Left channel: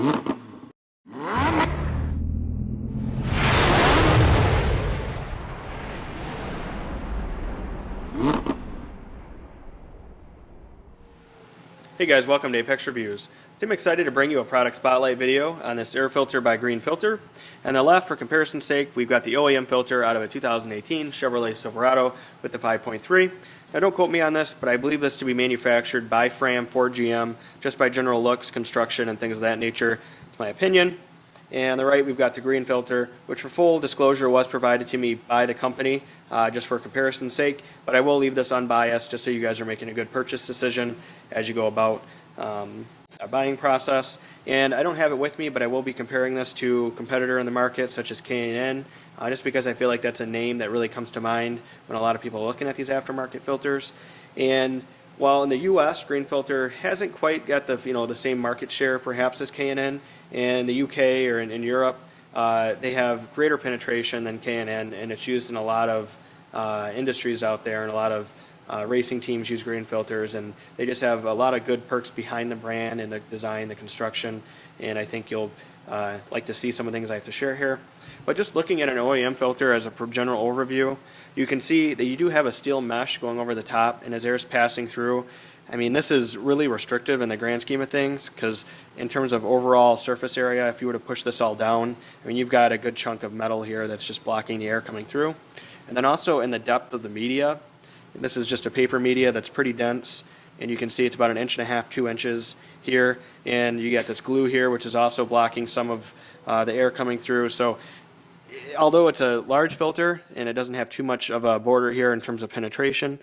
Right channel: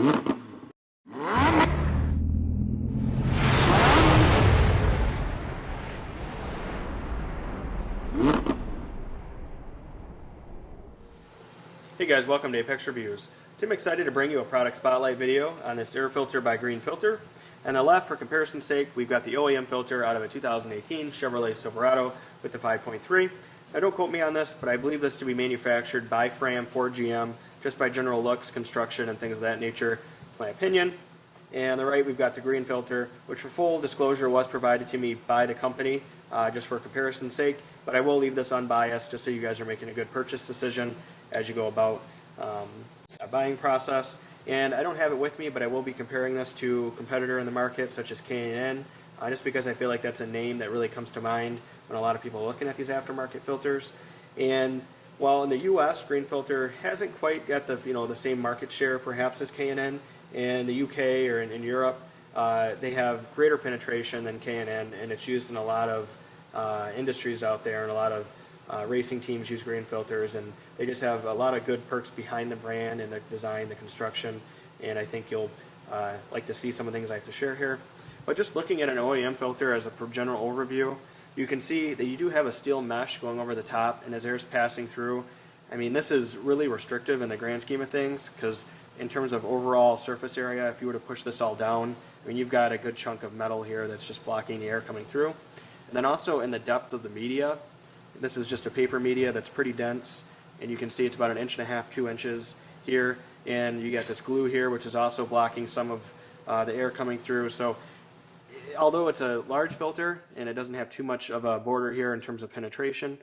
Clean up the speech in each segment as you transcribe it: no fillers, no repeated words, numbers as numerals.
Hey guys, welcome to Apex Reviews. I'm excited to bring you a product spotlight video on this air filter by Green Filter. On the left, for comparison's sake, we've got the OEM filter out of a 2018 Chevrolet Silverado with the 5.3. Now don't quote me on this, but I believe this to be manufactured by Fram for GM, just by general looks, construction, and things of that nature. It's my opinion. And on the right, we've got the Green Filter, which for full disclosure was provided to me by the company, just for comparison's sake. But I will leave this unbiased just so you guys are making a good purchase decision as you go about a buying process. And I don't have it with me, but I will be comparing this to a competitor in the market such as K&N, just because I feel like that's a name that really comes to mind when a lot of people are looking at these aftermarket filters. And while in the U.S., Green Filter hasn't quite got the same market share perhaps as K&N, in the UK or in Europe, they have greater penetration than K&N, and it's used in a lot of industries out there, and a lot of racing teams use Green Filters, and they just have a lot of good perks behind the brand and the design, the construction, and I think you'll like to see some of the things I have to share here. But just looking at an OEM filter as a general overview, you can see that you do have a steel mesh going over the top, and as air is passing through, I mean, this is really restrictive in the grand scheme of things, because in terms of overall surface area, if you were to push this all down, I mean, you've got a good chunk of metal here that's just blocking the air coming through. And then also in the depth of the media, this is just a paper media that's pretty dense, and you can see it's about 1.5 inches, 2 inches here, and you got this glue here, which is also blocking some of the air coming through. So although it's a large filter and it doesn't have too much of a border here in terms of penetration,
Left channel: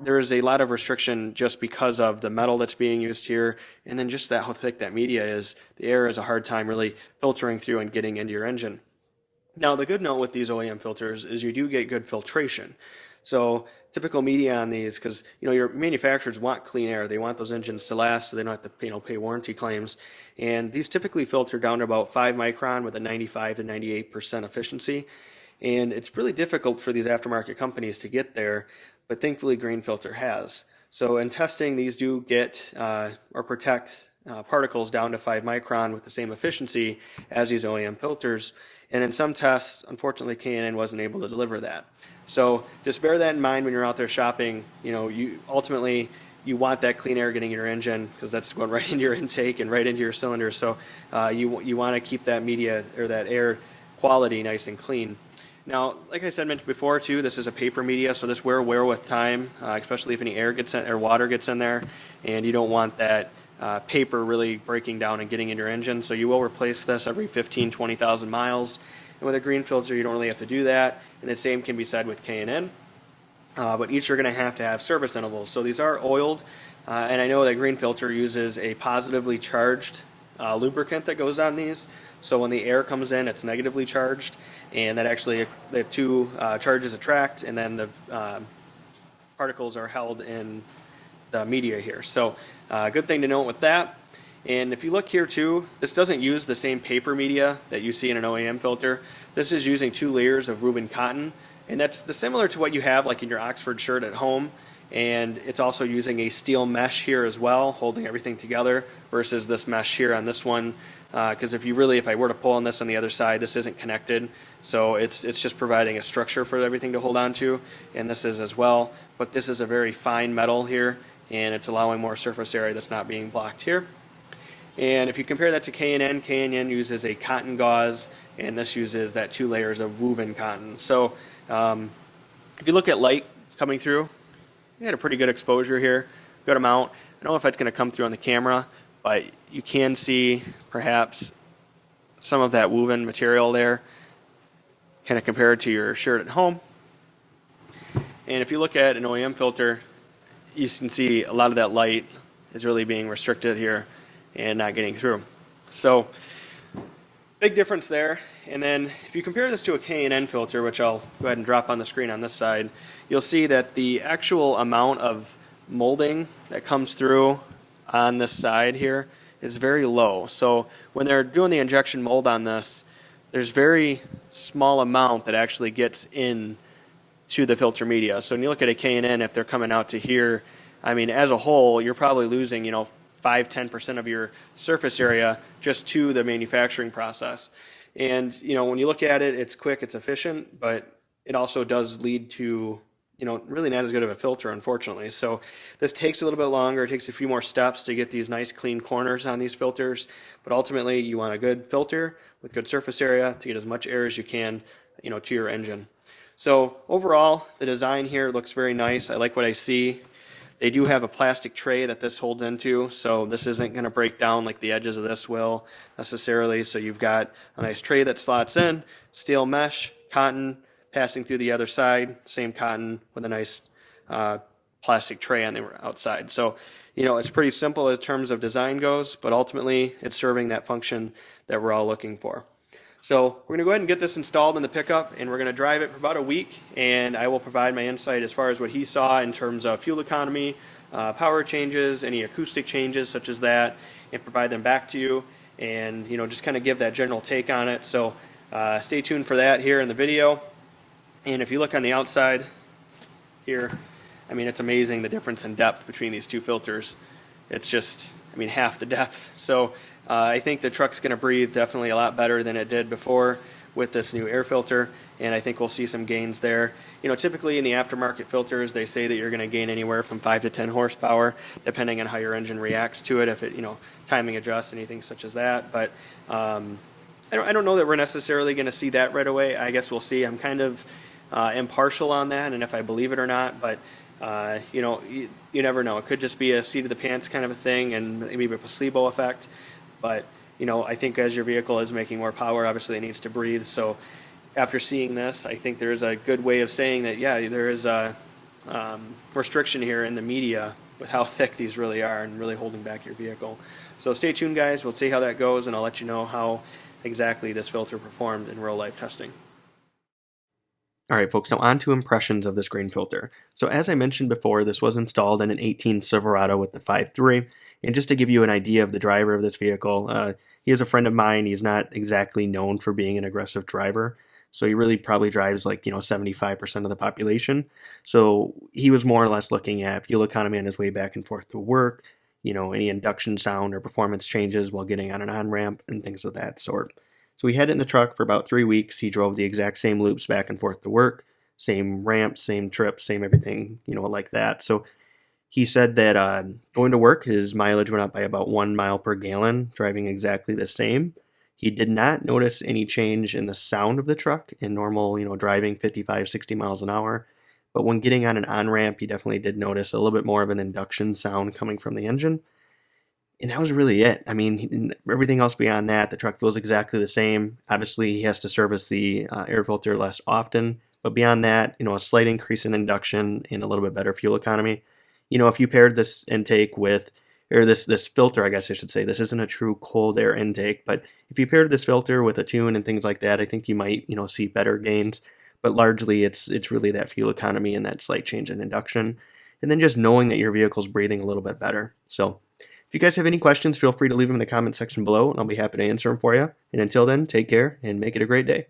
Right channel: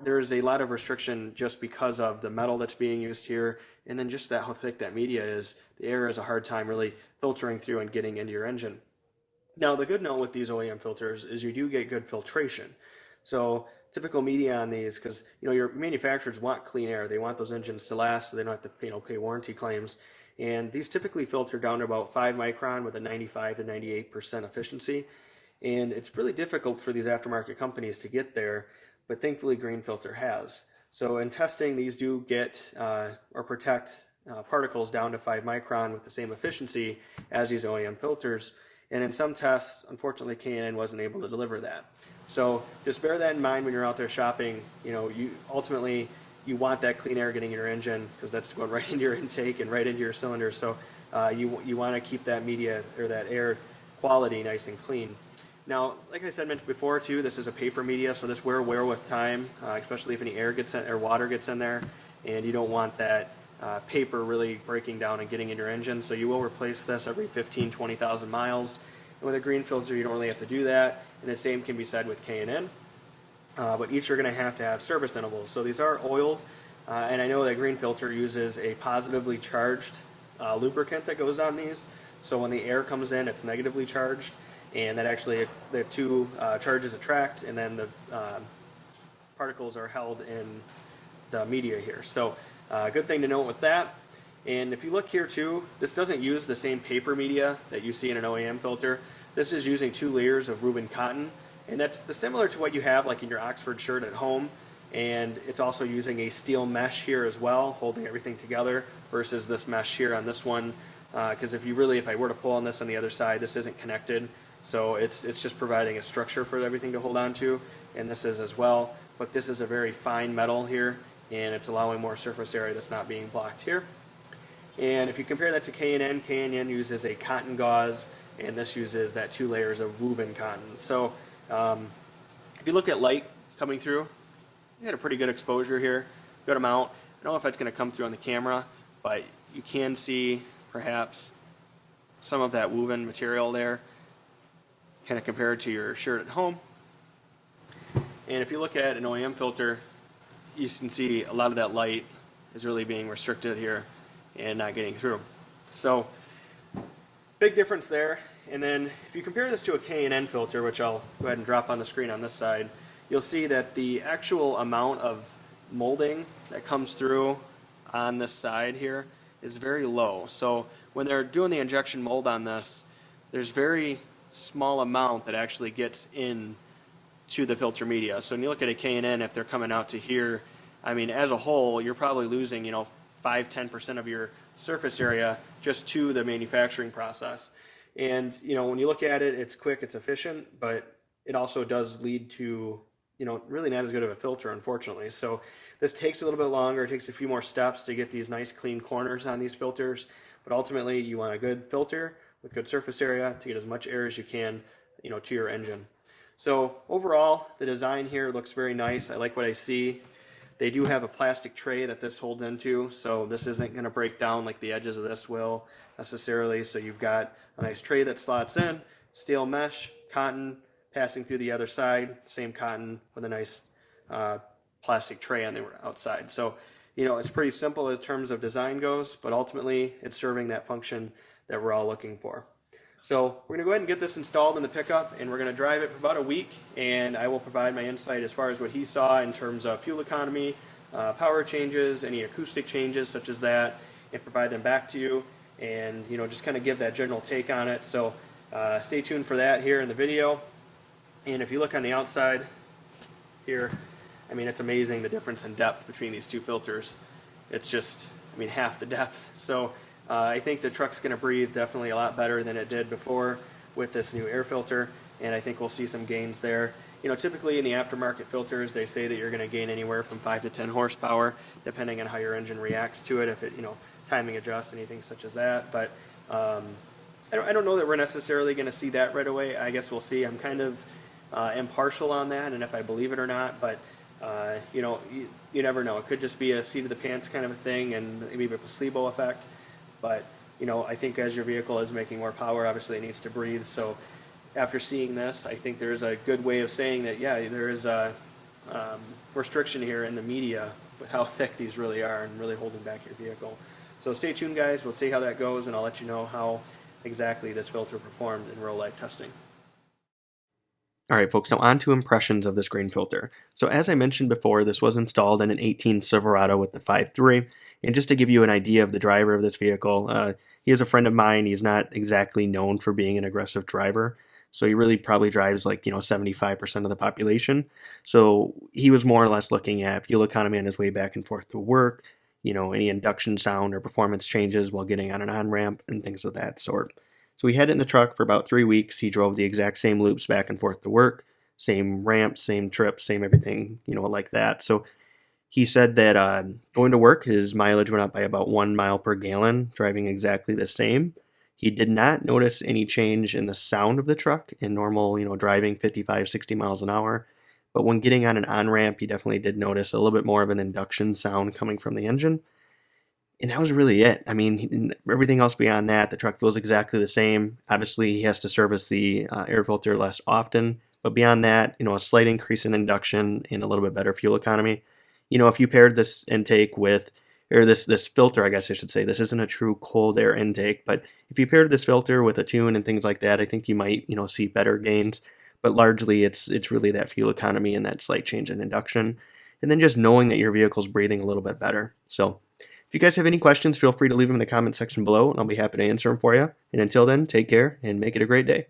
there is a lot of restriction just because of the metal that's being used here, and then just how thick that media is. The air has a hard time really filtering through and getting into your engine. Now, the good note with these OEM filters is you do get good filtration. So typical media on these, because your manufacturers want clean air, they want those engines to last, so they don't have to pay warranty claims. And these typically filter down to about 5 micron with a 95 to 98% efficiency. And it's really difficult for these aftermarket companies to get there, but thankfully Green Filter has. So in testing, these do get or protect particles down to 5 micron with the same efficiency as these OEM filters. And in some tests, unfortunately, K&N wasn't able to deliver that. So just bear that in mind when you're out there shopping. You ultimately want that clean air getting in your engine, because that's going right into your intake and right into your cylinder. So you want to keep that media or that air quality nice and clean. Now, like I mentioned before too, this is a paper media, so this will wear with time, especially if any air gets in, or water gets in there, and you don't want that paper really breaking down and getting in your engine. So you will replace this every 15, 20,000 miles. And with a Green Filter, you don't really have to do that. And the same can be said with K&N. But each are going to have service intervals. So these are oiled, and I know that Green Filter uses a positively charged lubricant that goes on these. So when the air comes in, it's negatively charged, and that actually the two charges attract, and then the particles are held in the media here. So good thing to note with that. And if you look here too, this doesn't use the same paper media that you see in an OEM filter. This is using 2 layers of Reuben cotton, and that's similar to what you have like in your Oxford shirt at home. And it's also using a steel mesh here as well, holding everything together, versus this mesh here on this one. Because if I were to pull on this on the other side, this isn't connected. So it's just providing a structure for everything to hold on to, and this is as well. But this is a very fine metal here, and it's allowing more surface area that's not being blocked here. And if you compare that to K&N, K&N uses a cotton gauze, and this uses that 2 layers of woven cotton. So if you look at light coming through, you had a pretty good exposure here, good amount. I don't know if that's going to come through on the camera, but you can see perhaps some of that woven material there, kind of compared to your shirt at home. And if you look at an OEM filter, you can see a lot of that light is really being restricted here and not getting through. So big difference there. And then if you compare this to a K&N filter, which I'll go ahead and drop on the screen on this side, you'll see that the actual amount of molding that comes through on this side here is very low. So when they're doing the injection mold on this, there's very small amount that actually gets in to the filter media. So when you look at a K&N, if they're coming out to here, I mean, as a whole, you're probably losing, 5 5-10% of your surface area just to the manufacturing process. And when you look at it, it's quick, it's efficient, but it also does lead to really not as good of a filter, unfortunately. So this takes a little bit longer. It takes a few more steps to get these nice clean corners on these filters. But ultimately, you want a good filter with good surface area to get as much air as you can, to your engine. So overall, the design here looks very nice. I like what I see. They do have a plastic tray that this holds into, so this isn't going to break down like the edges of this will necessarily. So you've got a nice tray that slots in, steel mesh, cotton, passing through the other side, same cotton with a nice plastic tray on the outside. So, it's pretty simple in terms of design goes, but ultimately it's serving that function that we're all looking for. So we're going to go ahead and get this installed in the pickup, and we're going to drive it for about a week, and I will provide my insight as far as what he saw in terms of fuel economy, power changes, any acoustic changes such as that, and provide them back to you, and just kind of give that general take on it. So stay tuned for that here in the video. And if you look on the outside here, it's amazing the difference in depth between these two filters. It's just, half the depth. So I think the truck's going to breathe definitely a lot better than it did before with this new air filter, and I think we'll see some gains there. Typically in the aftermarket filters, they say that you're going to gain anywhere from 5 to 10 horsepower, depending on how your engine reacts to it, if it, timing adjusts, anything such as that. But I don't know that we're necessarily going to see that right away. I guess we'll see. I'm kind of impartial on that, and if I believe it or not, but you never know. It could just be a seat of the pants kind of a thing, and maybe a placebo effect. But I think as your vehicle is making more power, obviously it needs to breathe. So after seeing this, I think there's a good way of saying that, yeah, there is a restriction here in the media with how thick these really are and really holding back your vehicle. So stay tuned, guys. We'll see how that goes, and I'll let you know how exactly this filter performed in real life testing. All right, folks, now on to impressions of this green filter. So as I mentioned before, this was installed in an 18 Silverado with the 5.3. And just to give you an idea of the driver of this vehicle, he is a friend of mine. He's not exactly known for being an aggressive driver. So he really probably drives 75% of the population. So he was more or less looking at fuel economy on his way back and forth to work, any induction sound or performance changes while getting on an on-ramp and things of that sort. So we had it in the truck for about 3 weeks. He drove the exact same loops back and forth to work, same ramps, same trips, same everything, like that. So he said that going to work, his mileage went up by about 1 mile per gallon, driving exactly the same. He did not notice any change in the sound of the truck in normal, driving 55, 60 miles an hour. But when getting on an on-ramp, he definitely did notice a little bit more of an induction sound coming from the engine. And that was really it. Everything else beyond that, the truck feels exactly the same. Obviously, he has to service the air filter less often. But beyond that, a slight increase in induction and a little bit better fuel economy. If you paired this intake with, or this filter, I guess I should say, this isn't a true cold air intake, but if you paired this filter with a tune and things like that, I think you might, see better gains. But largely, it's really that fuel economy and that slight change in induction. And then just knowing that your vehicle's breathing a little bit better. So if you guys have any questions, feel free to leave them in the comment section below, and I'll be happy to answer them for you. And until then, take care and make it a great day.